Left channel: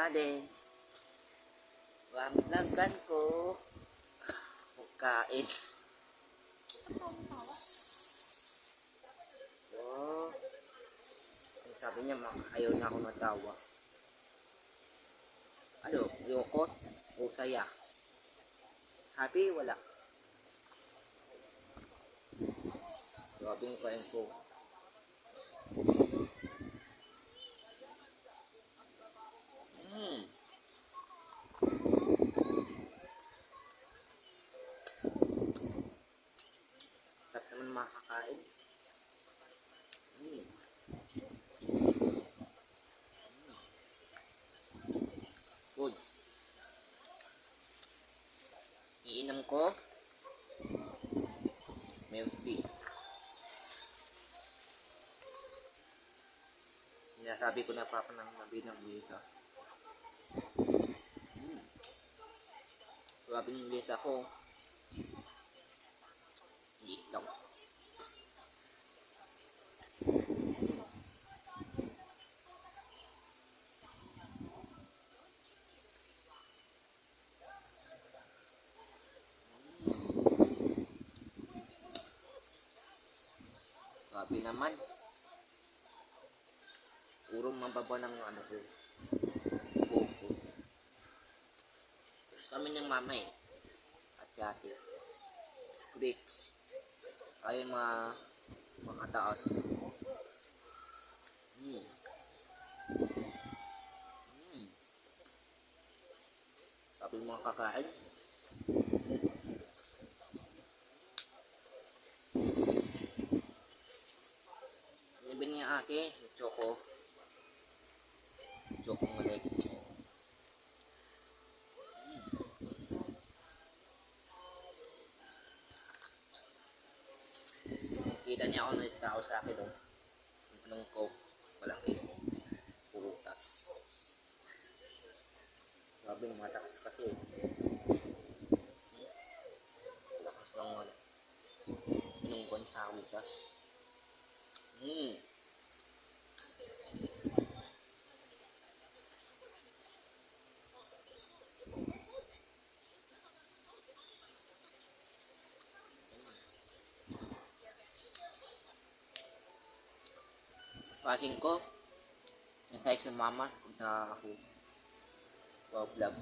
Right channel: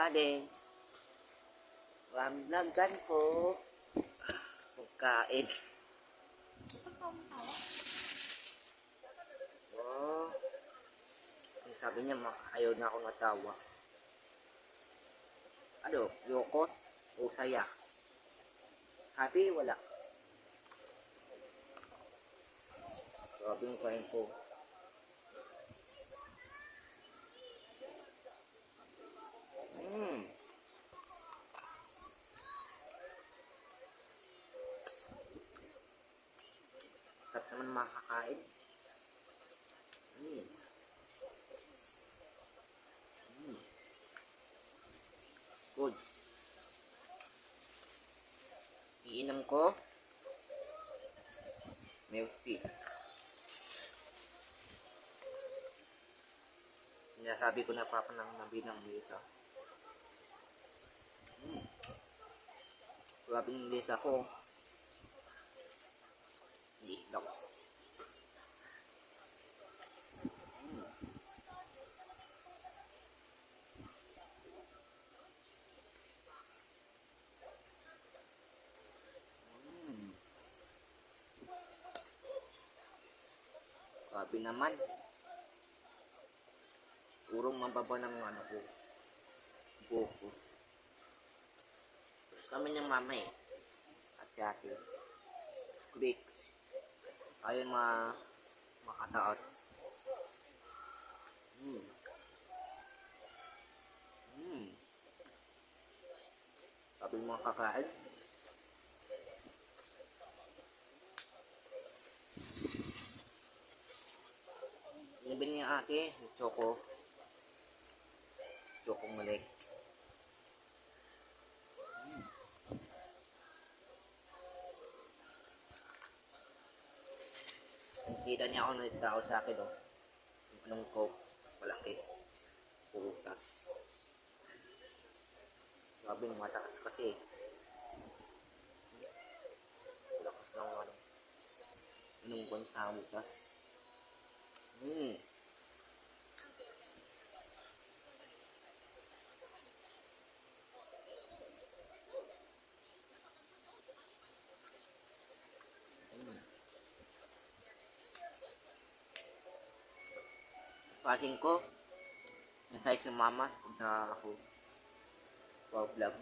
challenge. Vloggan ko. Pagkain. Oh. Ang sabi niya, ayaw na ako natawa. Ano? Lungkot? O saya? Happy? Wala. Grabe yung kain ko. Sarap naman makakain. Good. Iinom ko milk tea. Sinasabi ko na papanang nabinang bisa. Grabe ng bisa ko. Liit lang. Grabe naman. Urong mababa ng ano ko. Buko. Tapos kami ng mama eh. At yate. It's great. Ayun makataas. Sabi mga kakain. Nabili niya ate, choco ngalik. Kita niya ako nagtao sa akin doon. Anong coke, malaki. Purutas. Grabe, matakas kasi. Lakas ng ano. Inungkon sa butas. Passing ko, nasa isang mama na ako vlog.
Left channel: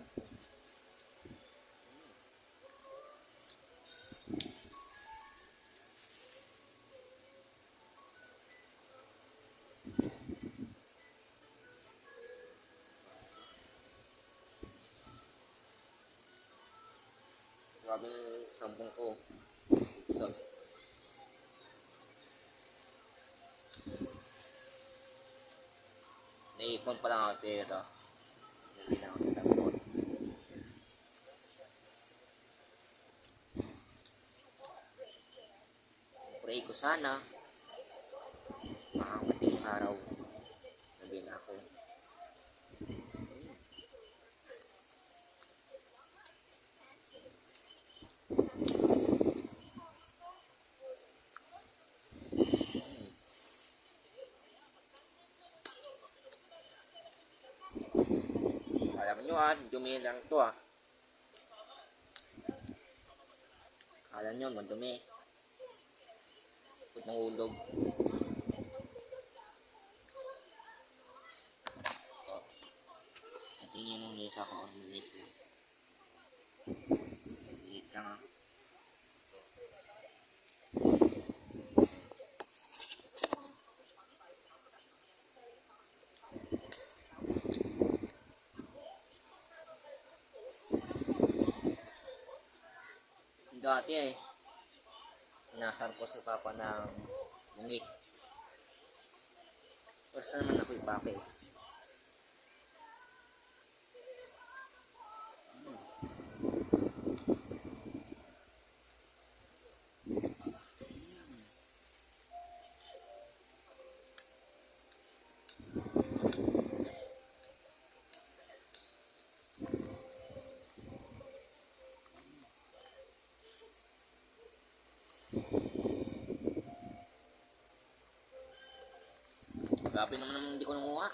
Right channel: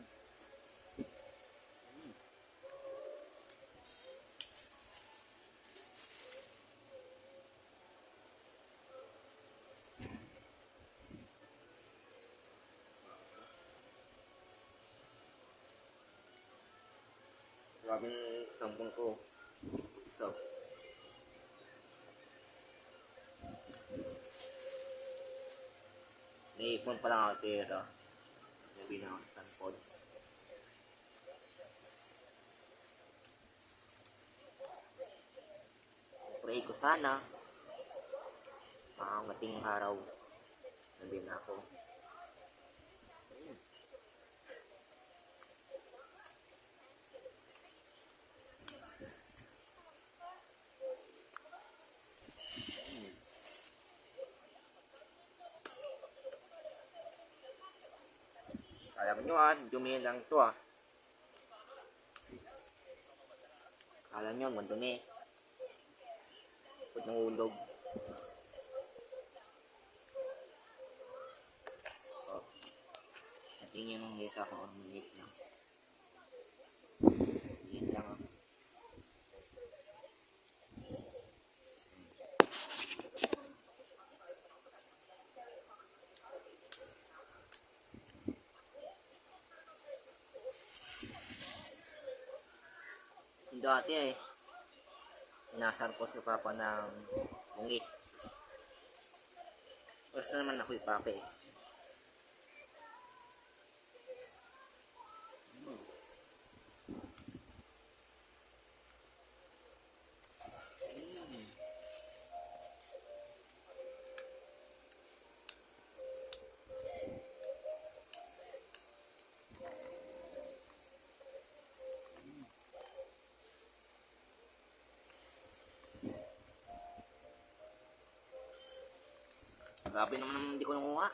Grabe yung sampung ko. So, naipon pa lang ako pero hindi na ako sa sampung. Pray ko sana makakating araw sabi na ako. Alam nyo dumi lang to Kala nyo madumi. Put ng ulog. Natin nyo nung lesa ko. Maliit lang. Maliit lang Dati inasar ko si Papa ng bungi. First naman ako ipake. Grabe naman hindi ko nanguha.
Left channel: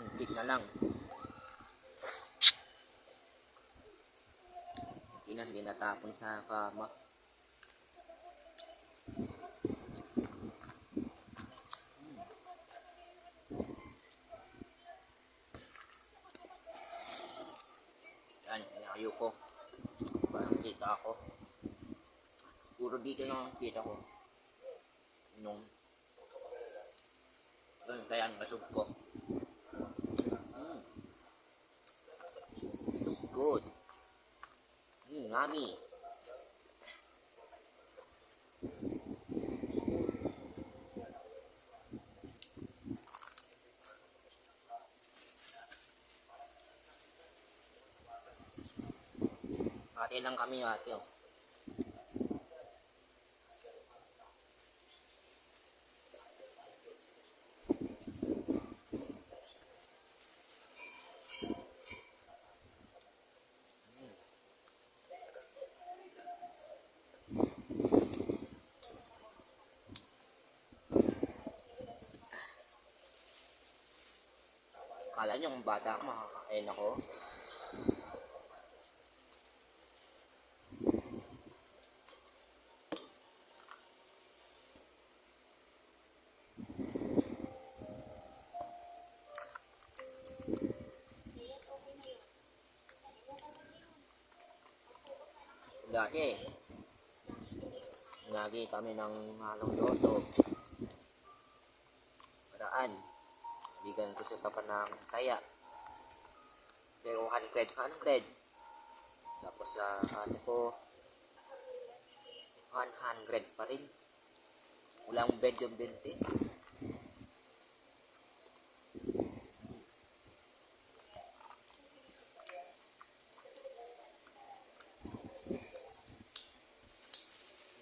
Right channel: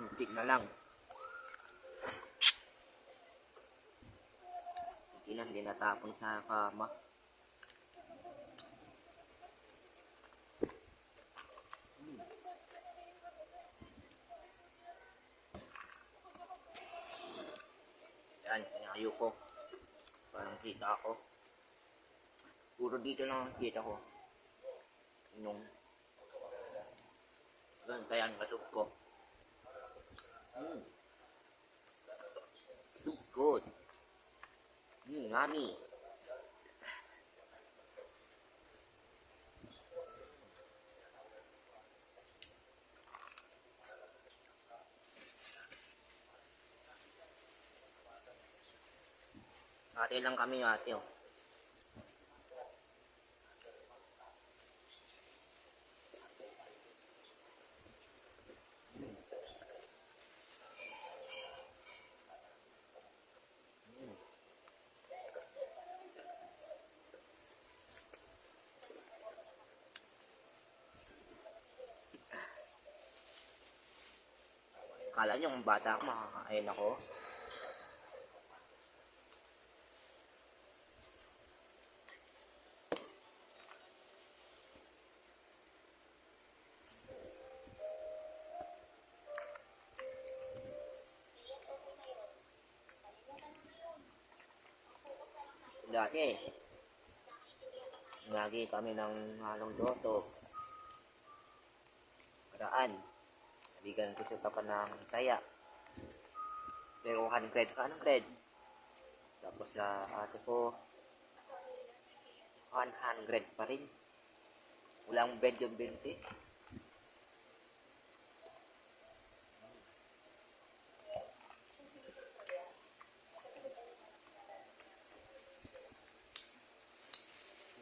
Muntik na lang. Hindi natapon sa kama. Yan, inayo ko. Parang kita ako. Puro dito lang kita ko. Nung kaya ang kasog ko. So good. Ngami. Ate lang kami ate oh. Kala nyo ang bata ako makakain ako. Dati, lagi kami ng halong loto. Paraan, nabigan ko sa papa ng taya. Pero 100 ka 100. Tapos sa ate ko, 100 pa rin. Walang bed yung 20.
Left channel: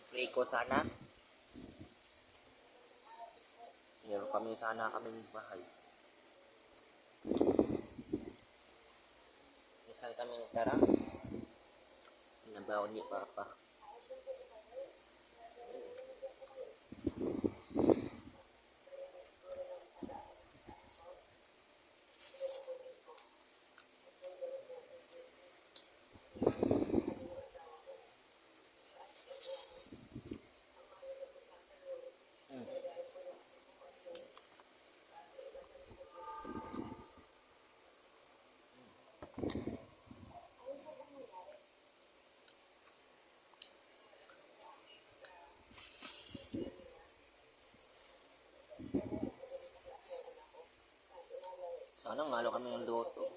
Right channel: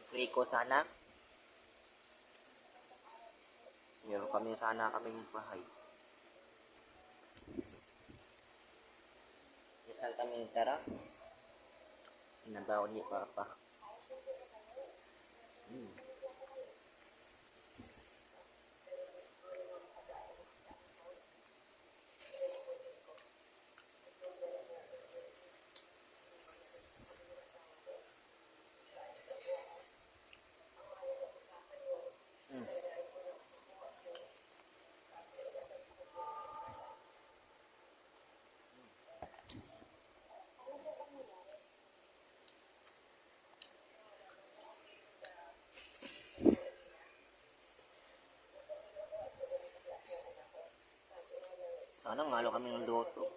Pray ko sana. Meron kami sana kaming bahay. Minsan kaming tara. Inabaw ni Papa. Sana ngalo kami ng loto.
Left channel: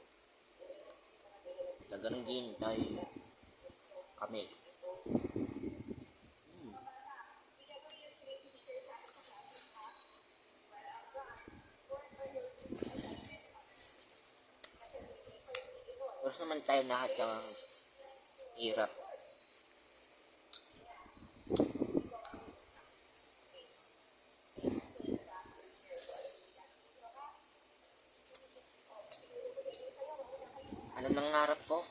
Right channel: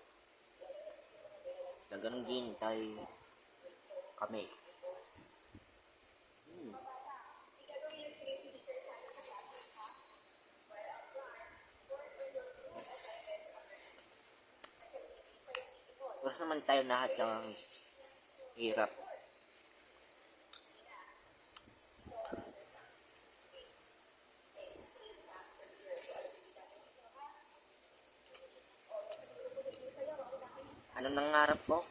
Tagang ginintay kami. Oras naman tayo lahat ng hirap. Ano nangarap ko?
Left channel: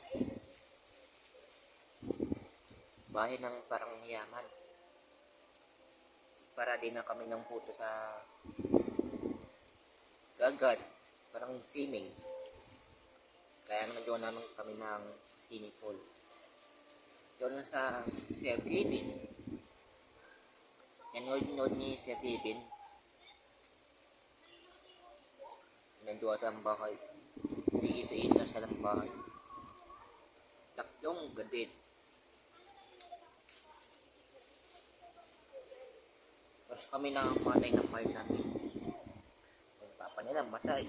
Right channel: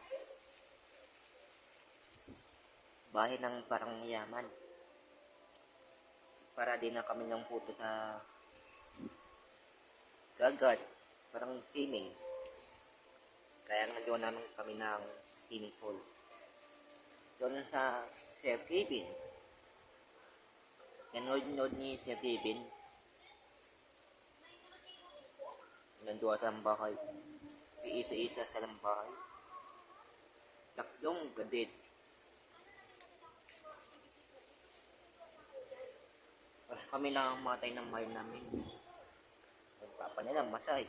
Bahay ng parang yaman. Para din na kami ng puto sa gagad. Parang swimming. Kaya nagawa namin kami ng swimming pool. Doon sa Sir Kevin. Nanood ni Sir Kevin. Nandoon sa bahay. Isa-isa sa bahay. Tatlong gadit. Tapos kami na matay ng mahal namin. Yung papa nila matay.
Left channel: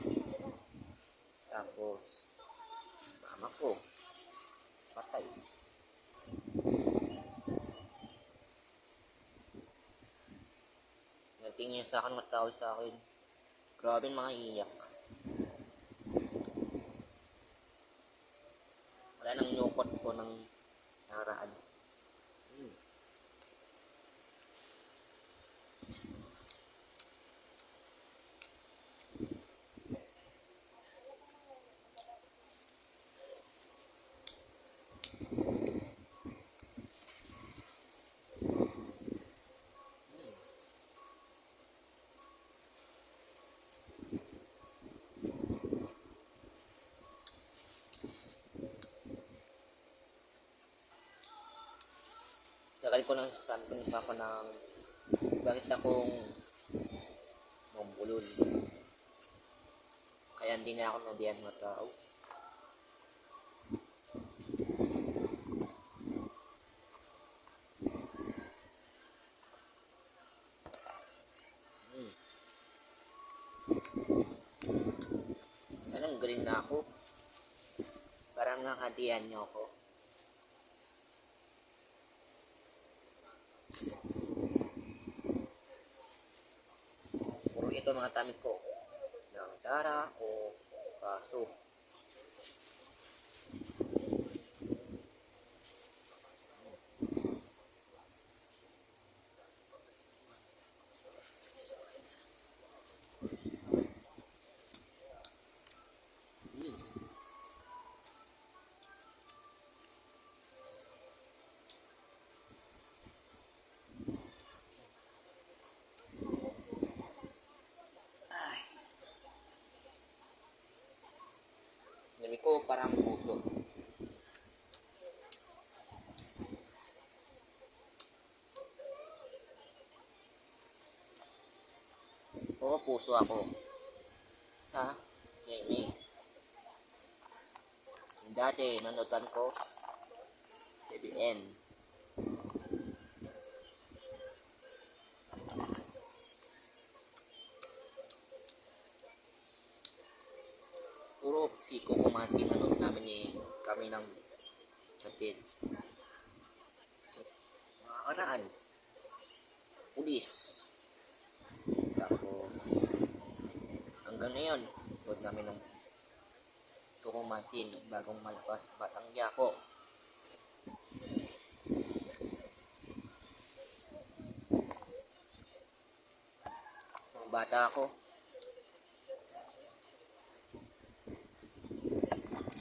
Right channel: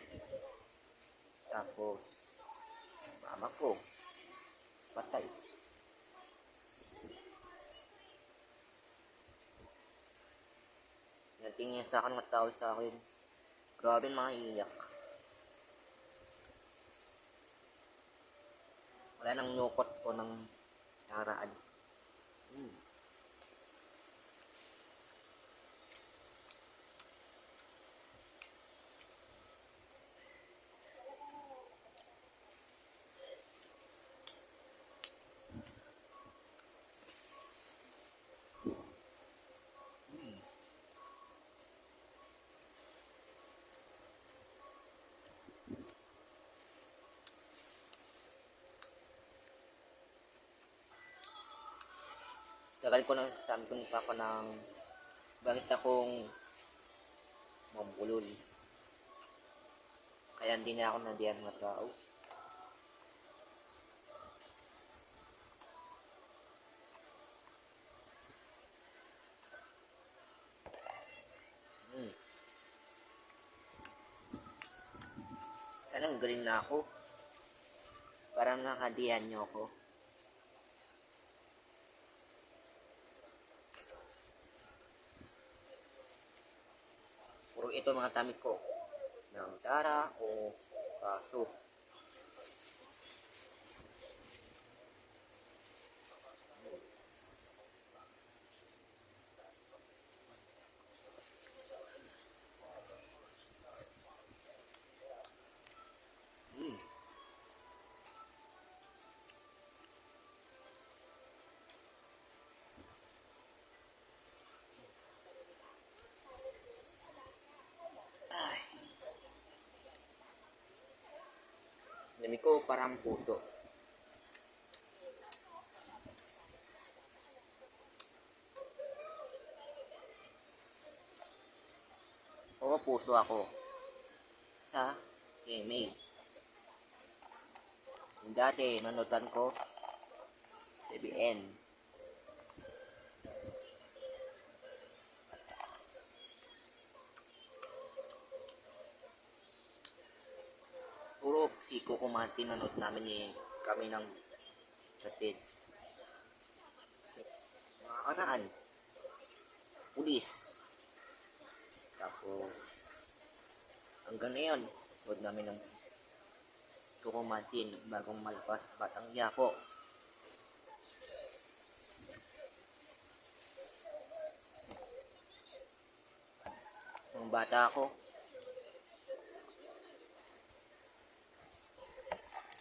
Tapos mama ko patay. Natingin sa akin, matawag sa akin. Grabe mga iyak. Wala nang nyukot ko ng nakaraan. Tagal ko nang sabi ko ng papa ng bakit akong mambulol. Kaya hindi na ako nadiyan mga tao. Sanang galing na ako. Parang nakadiyan niyo ako. Puro ito mga tamik ko. Ng tara o paso. Dami ko parang puso. Oo, puso ako. Sa gaming. Dati, nanotan ko CBN. Puro siko kumati nanood namin kami ng kapatid. Mga karaan. Pulis. Tapos, hanggang ngayon, nanood namin ng Kukumatin bagong malakas Batang Yapo. Nung bata ako,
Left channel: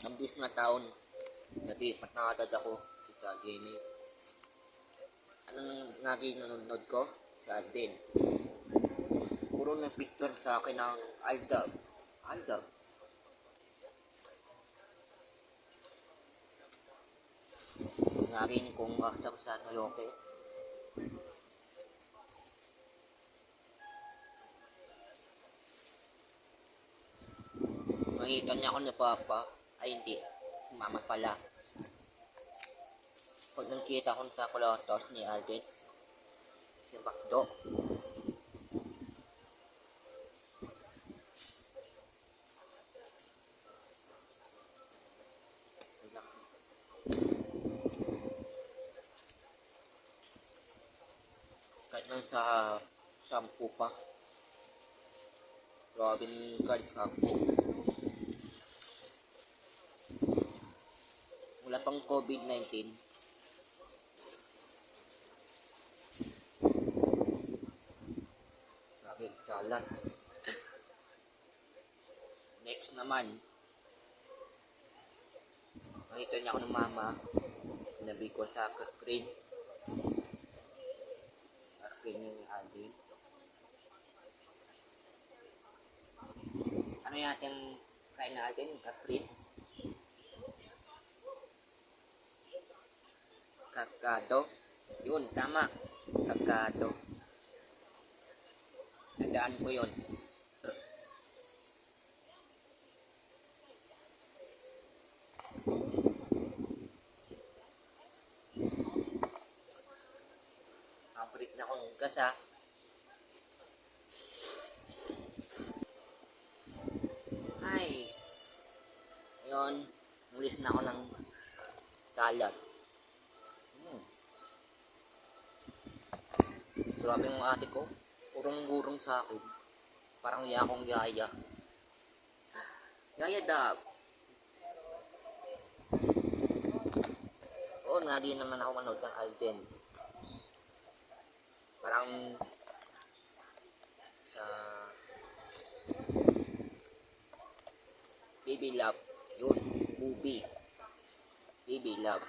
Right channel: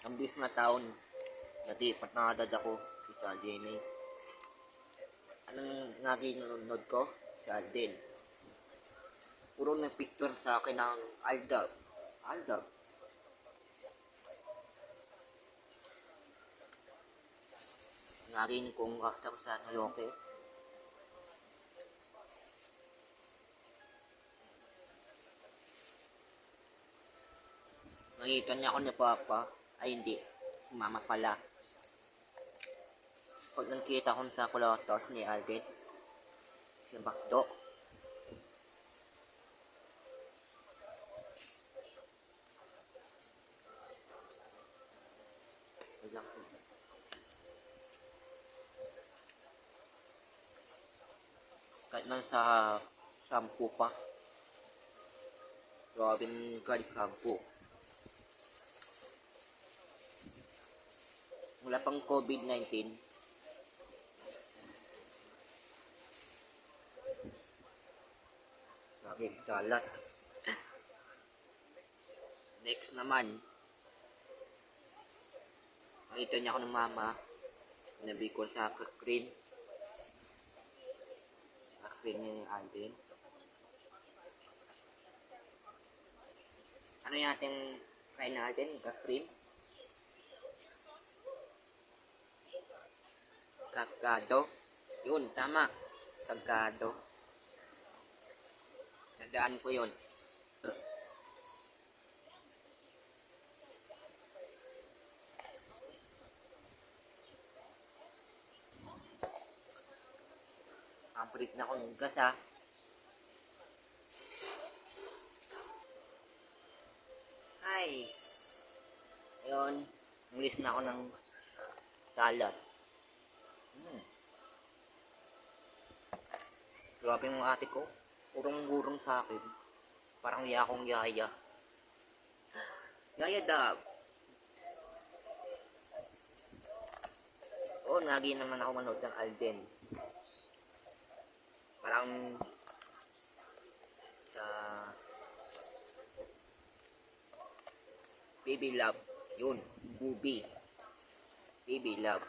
ang bis na taon, natipat na agad ako sa GMA. Anong naging nanonood ko? Si Alden. Puro na picture sa akin ng Aldab. Aldab. Narinig kong tapos sa naloke. Makita niya ako ni Papa. Ay hindi, si Mama pala. Pag nakita ko sa kulatos ni Alden, si Bakdo. Kahit nang sa 10 pa. Grabing kalikabo. Wala pang COVID-19. Bakit kalat? Next naman. Makita niya ako ng mama. Nabi ko sa cream. Cream ni Alden. Ano natin kain natin? Cream? Kakado. Yun, tama. Kakado. Tandaan ko yun. Ang palit na akong gasa. Nice. Ayun. Umalis na ako ng kalat. Grabe yung ate ko. Urong-gurong sa akin. Parang akong yaya. Yaya dab. Oo, nagi naman ako manood ng Alden. Parang sa Baby Love. Yun, movie. Baby Love.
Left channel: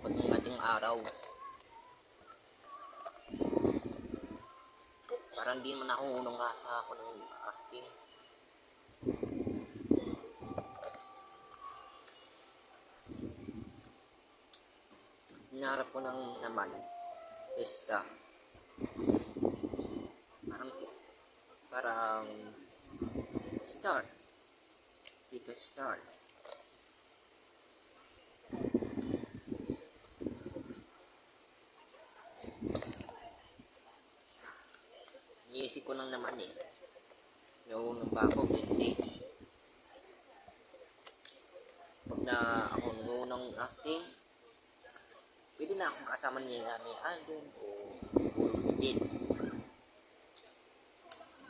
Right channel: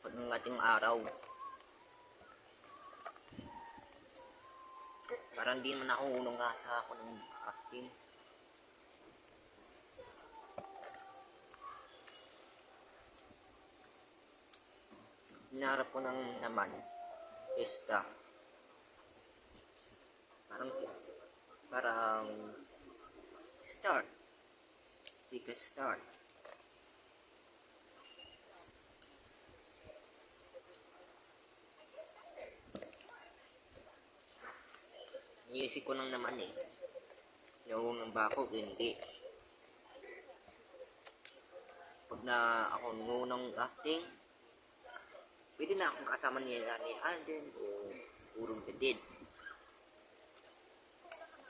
Pag ng ating araw, Parang di naman ako unang ata ako ng acting. Hinarap ko ng naman. Pesta. Parang start. Tika start. Iisip ko lang naman eh. Nauunang ba ako? Hindi. Pag na ako nunang acting, pwede na akong kasama nila ni Alden o puro edit.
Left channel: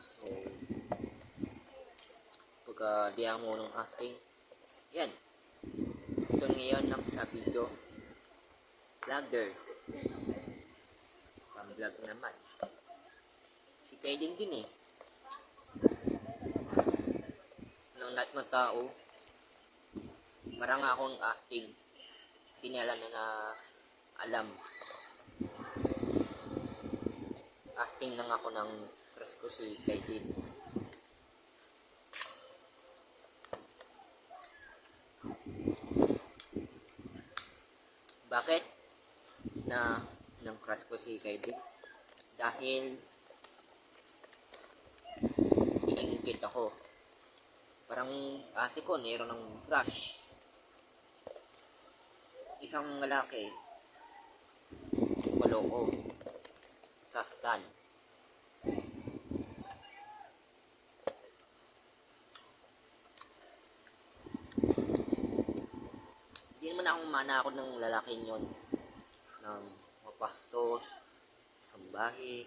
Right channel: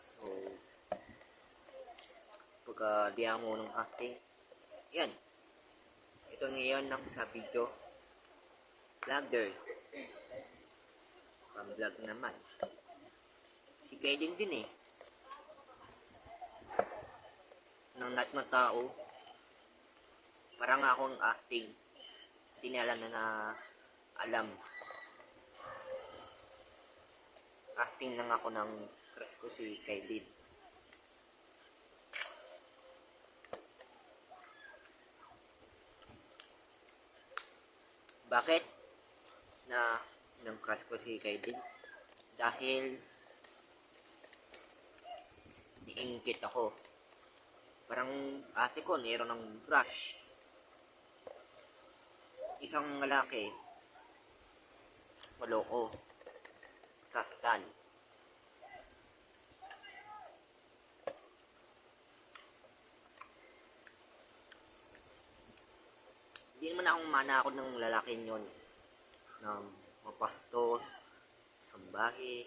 So, pagka di ako nunang acting, yan. Ito ngayon lang sa video. Vlogger. Pang-vlog naman. Si Kaiden din eh. Nang lahat ng tao, parang akong acting. Hindi nila na alam. Acting lang ako ng crush ko si Kaiden. Bakit na ng crush ko si Kaiden? Dahil iinggit ako. Parang ate ko mayroon ng crush. Isang lalaki. Maloko. Saktan. Hindi naman akong manakot ng lalaking yon. Ng mapastos, sambahe.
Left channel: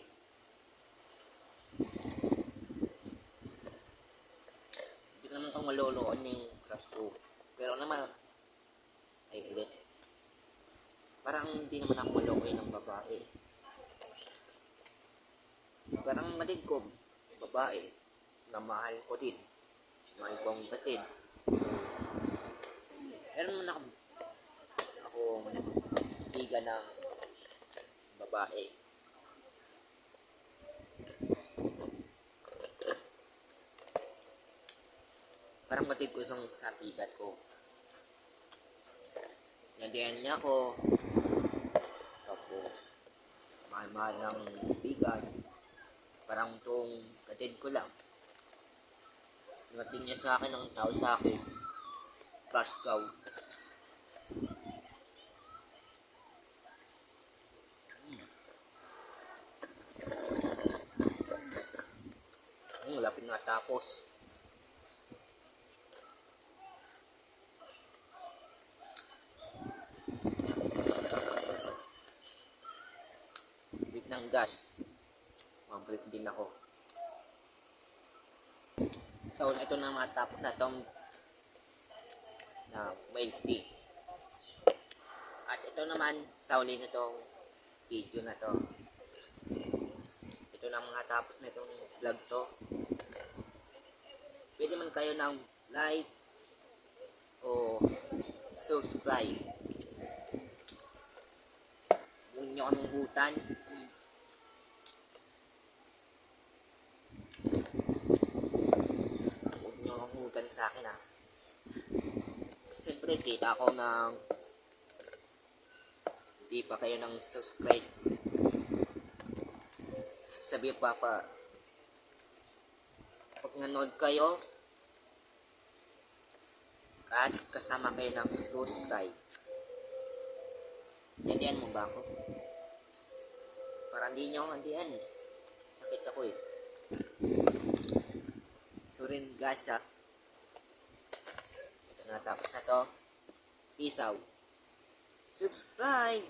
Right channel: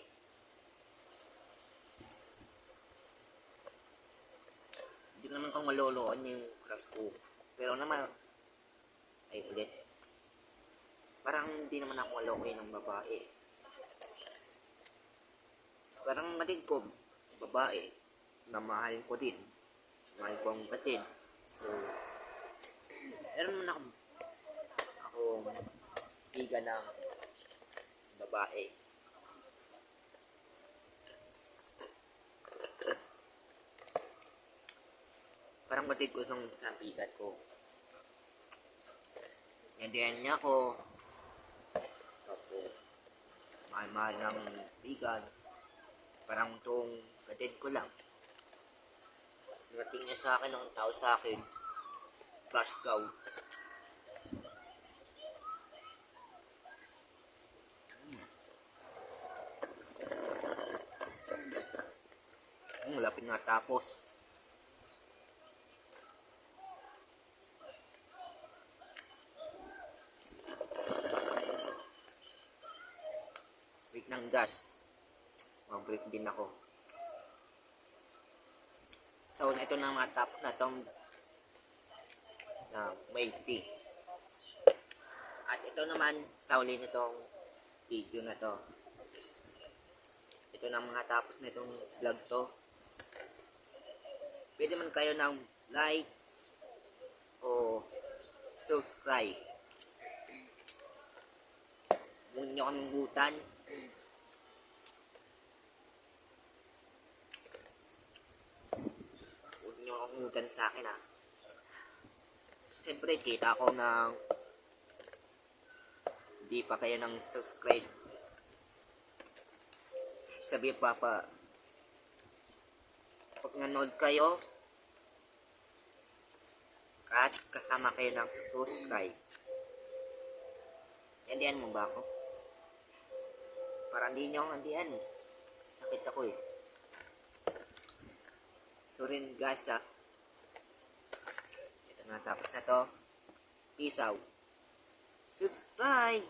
Hindi ko naman akong maloloon yung crush ko. Pero naman, ay ulit. Parang hindi naman ako malokoy ng babae. Parang malig ko, babae, na mahal ko din. Mahal ko ang batid. Meron naman akong biga ng babae. Parang batid ko sa bigat ko. Nandiyan niya ako. Tapos, mahal ng bigat. Parang itong katid ko lang. Narating niya sa akin ang tao sa akin. Pascaw. Lapit na tapos. Break ng gas. Mag-break din ako. So, ito na matapos na itong milk tea. At ito naman, sa uli nitong video na to. Ito na mga tapos na itong vlog to. Pwede man kayo ng like o subscribe. Huwag nyo kaming hutan. Huwag nyo kaming hutan sa akin ha. Siyempre, kita ko ng hindi pa kayo ng subscribe. Sabi pa pag nanood kayo at kasama kayo ng subscribe. Yandian mo ba ako? Para hindi nyo handian. Sakit ako eh. So rin guys ha. Ito na, tapos na to. Peace out. Subscribe!